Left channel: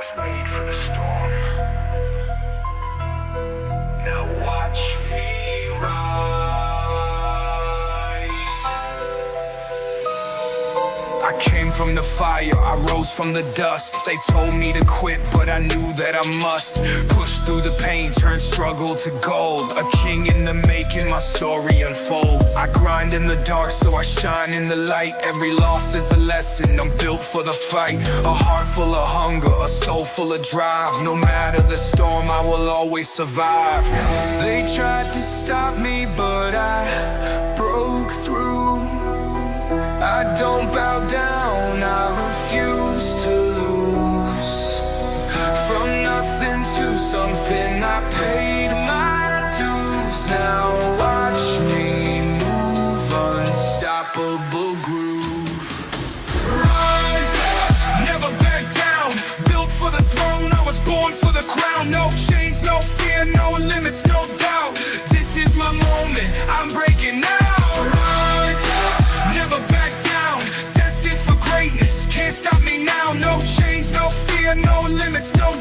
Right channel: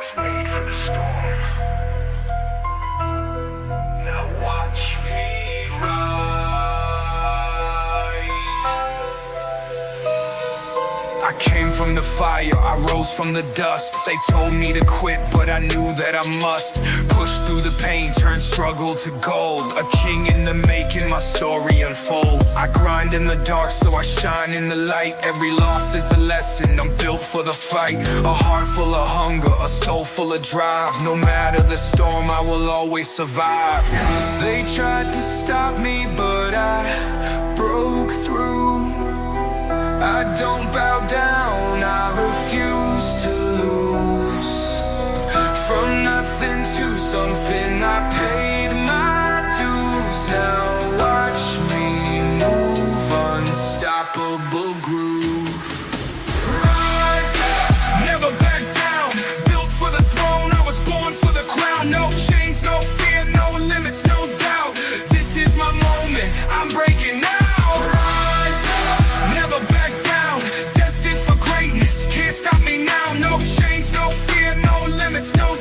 was made for the storm. I came from the fire, I rose from the dust. They told me to quit, but I knew that I must. Push through the pain, turn struggle to gold. A king in the making, my story unfolds. I grind in the dark, so I shine in the light. Every loss is a lesson, I'm built for the fight. A heart full of hunger, a soul full of drive. No matter the storm, I will always survive. They tried to stop me, but I broke through. I don't bow down, I refuse to lose. From nothing to something, I paid my dues. Now watch me move, unstoppable groove. Rise up, never back down. Built for the throne, I was born for the crown. No chains, no fear, no limits, no doubt. This is my moment, I'm breaking out. Back down. Destined for greatness, can't stop me now. No chains, no fear, no limits, no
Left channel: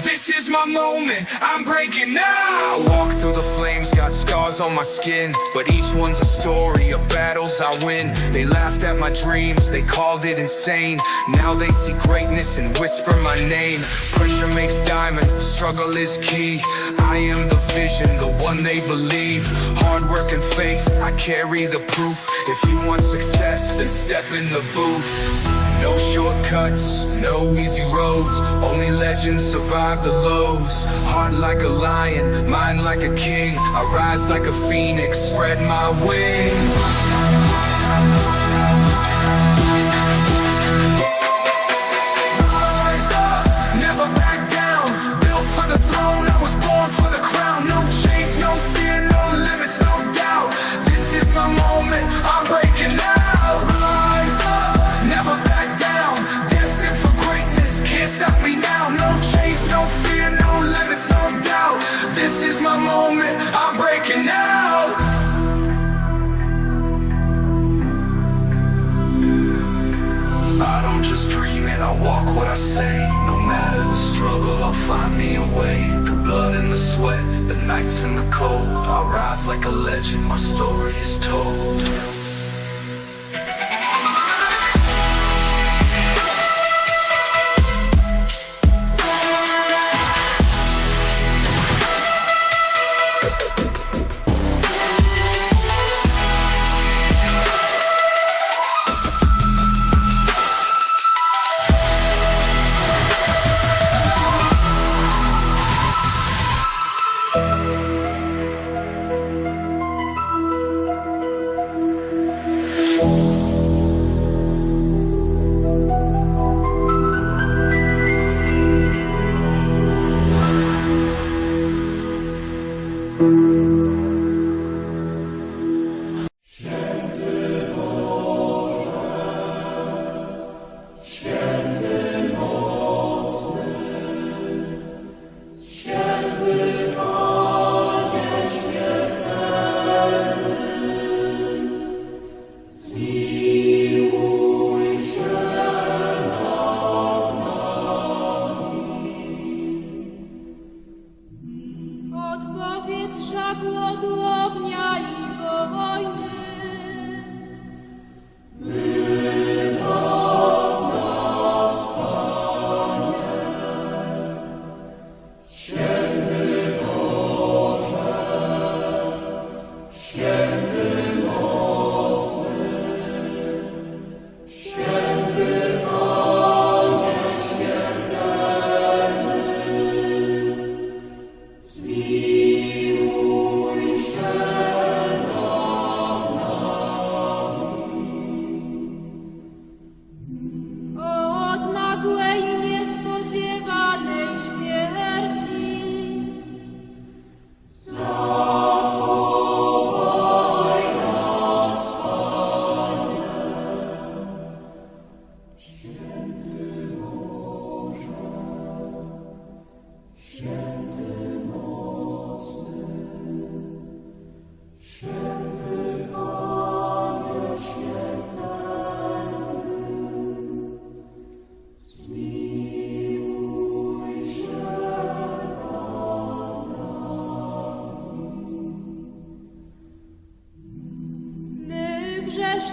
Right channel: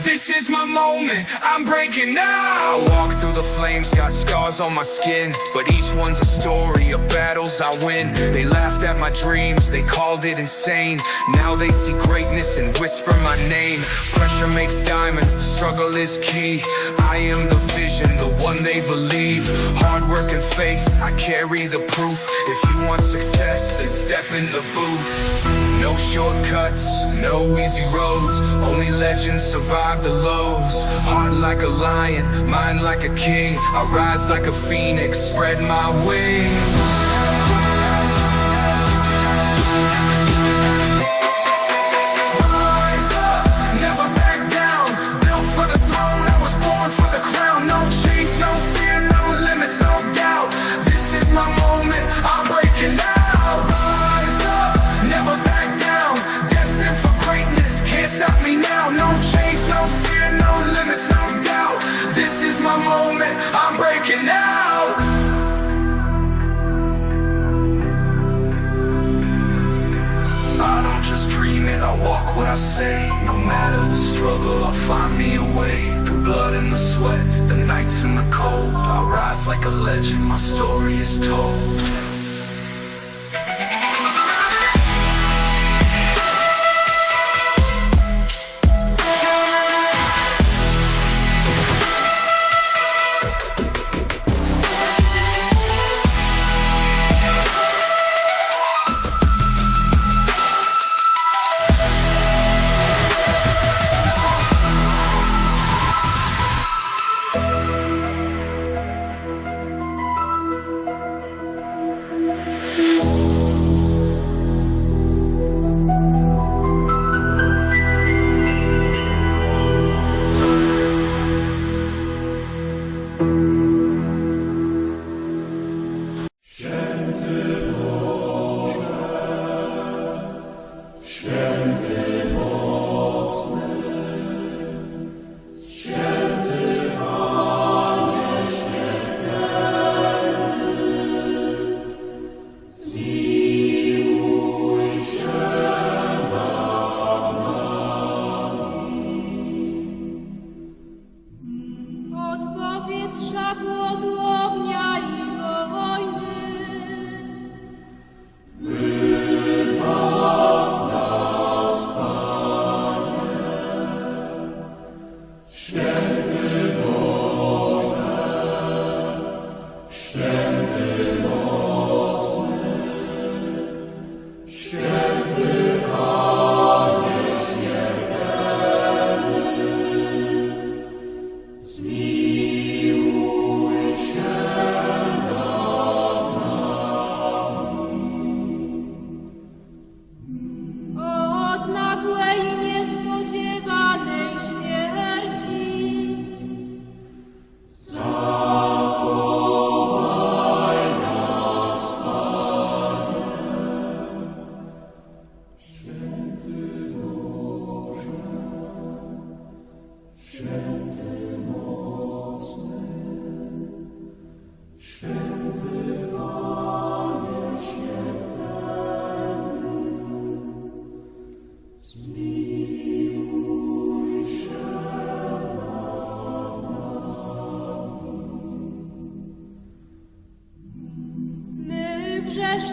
This is my moment, I'm breaking out. I walk through the flames, got scars on my skin. But each one's a story of battles I win. They laughed at my dreams, they called it insane. Now they see greatness and whisper my name. Pressure makes diamonds, the struggle is key. I am the vision, the one they believe. Hard work and faith, I carry the proof. If you want success, then step in the booth. No shortcuts, no easy roads. Only legends survive the lows. Heart like a lion, mind like a king. I rise like a phoenix, spread my wings. Moment, I'm breaking out. I don't just dream it, I walk what I say. No matter the struggle, I'll find me a way. Through blood and the sweat, the nights and the cold. I rise like a legend, my story is told.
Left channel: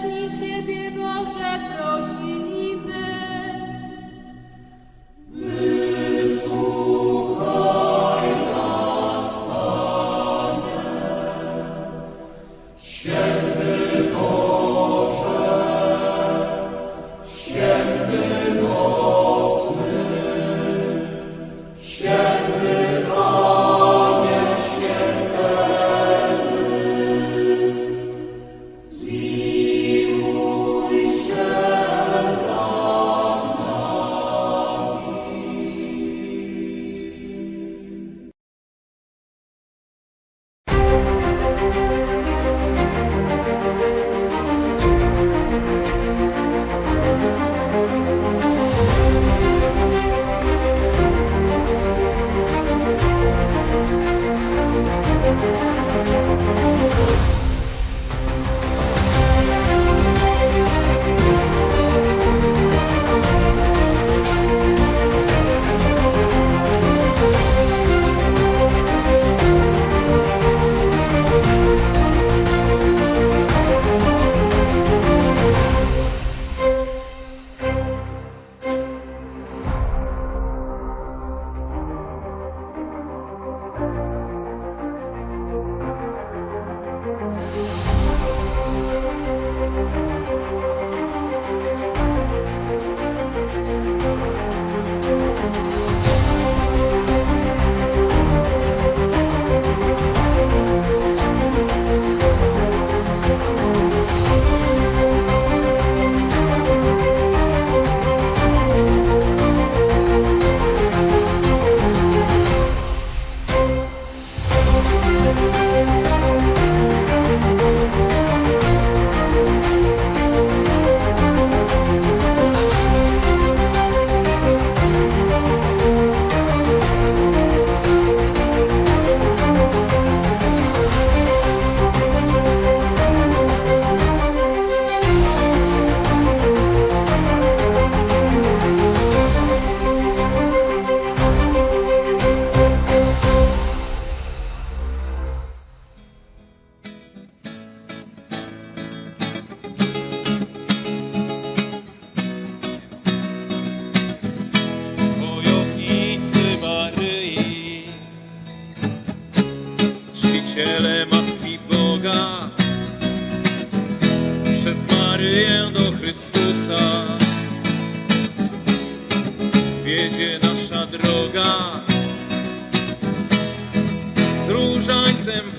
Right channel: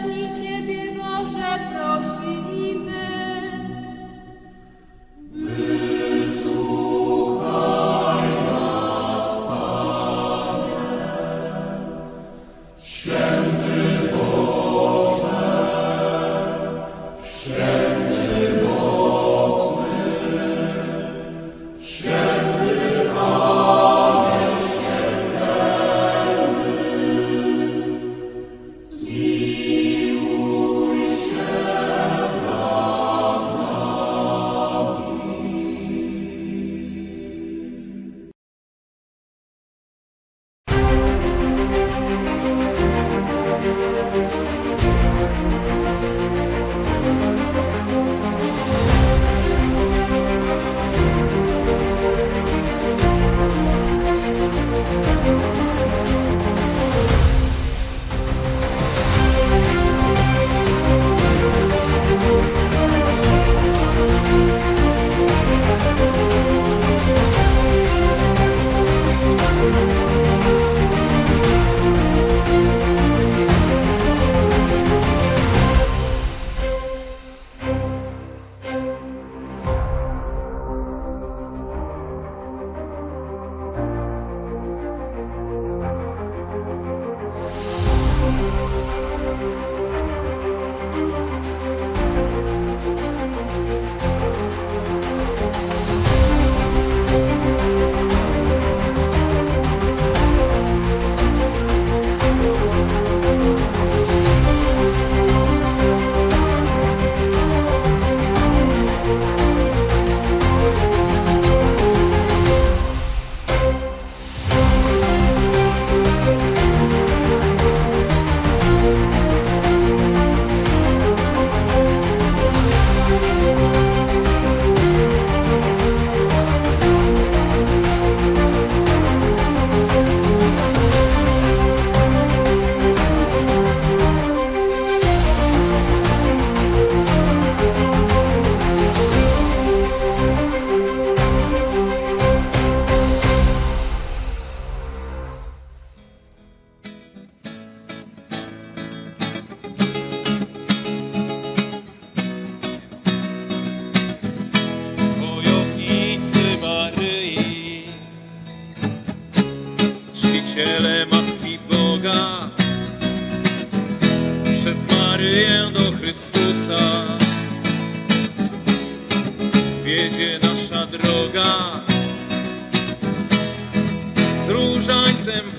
Ciebie, Boże, prosimy.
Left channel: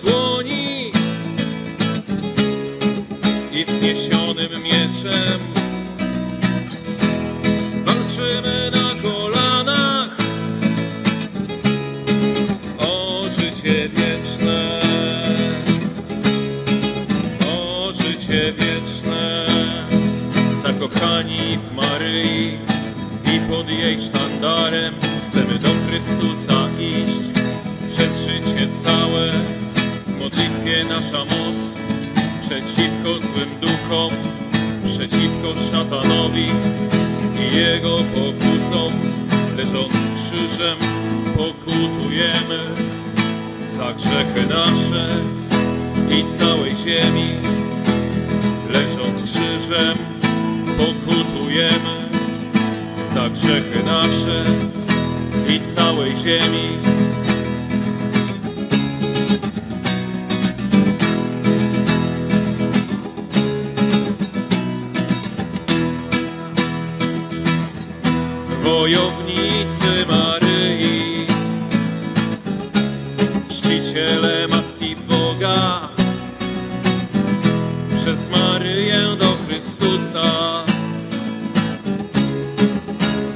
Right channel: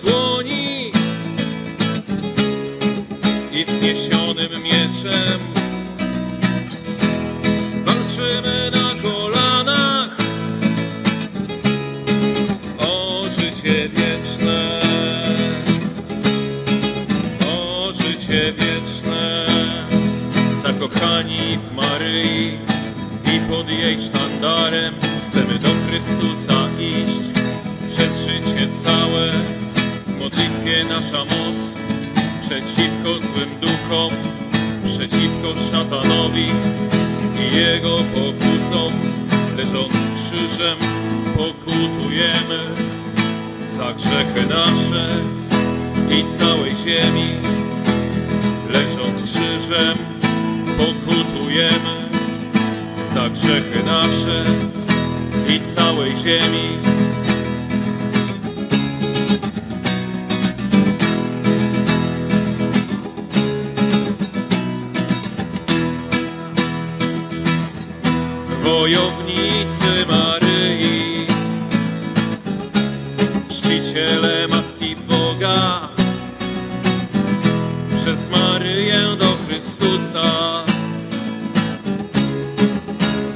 Dłoni. I wzniesionym mieczem walczymy na kolanach o życie wieczne, o życie wieczne, zakochani w Maryi i pod jej sztandarem chcemy do Chrystusa iść, przed życie całe, modlitwie nasza moc, przeciwko złym duchom, przeciwko szatanowi i jego pokusom, leżąc krzyżem pokutujemy za grzechy nasze i całej ziemi. Leżąc krzyżem pokutujemy za grzechy nasze i całej ziemi.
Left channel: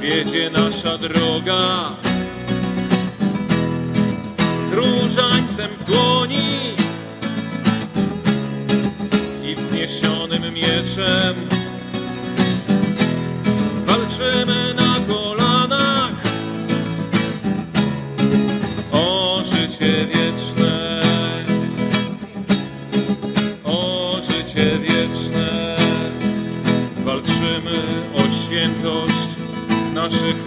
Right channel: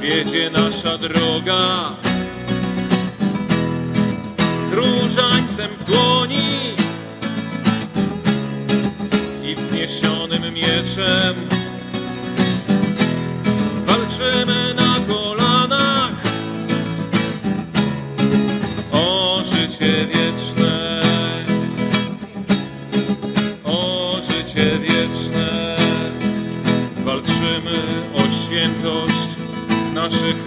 Wiedzie nasza droga. Z różańcem w dłoni i wzniesionym mieczem walczymy na kolanach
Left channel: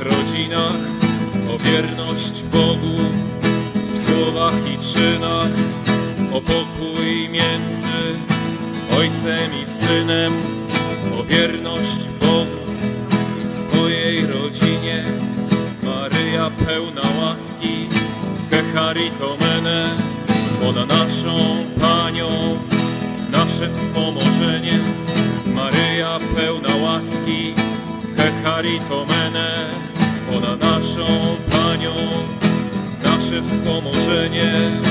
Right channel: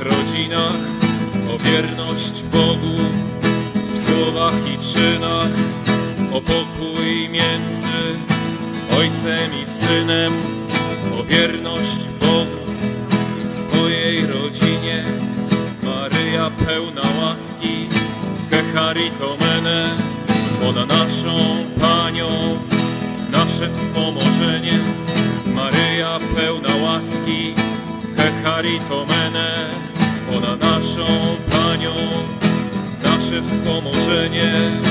rodzinach, o wierność Bogu w słowach i czynach, o pokój między Ojcem i Synem, o wierność Bogu i swojej rodzinie. Maryja pełna łaski, Hecharitomene, ona naszą Panią, nasze wspomożenie. Maryja pełna łaski, Hecharitomene, wspomożenie.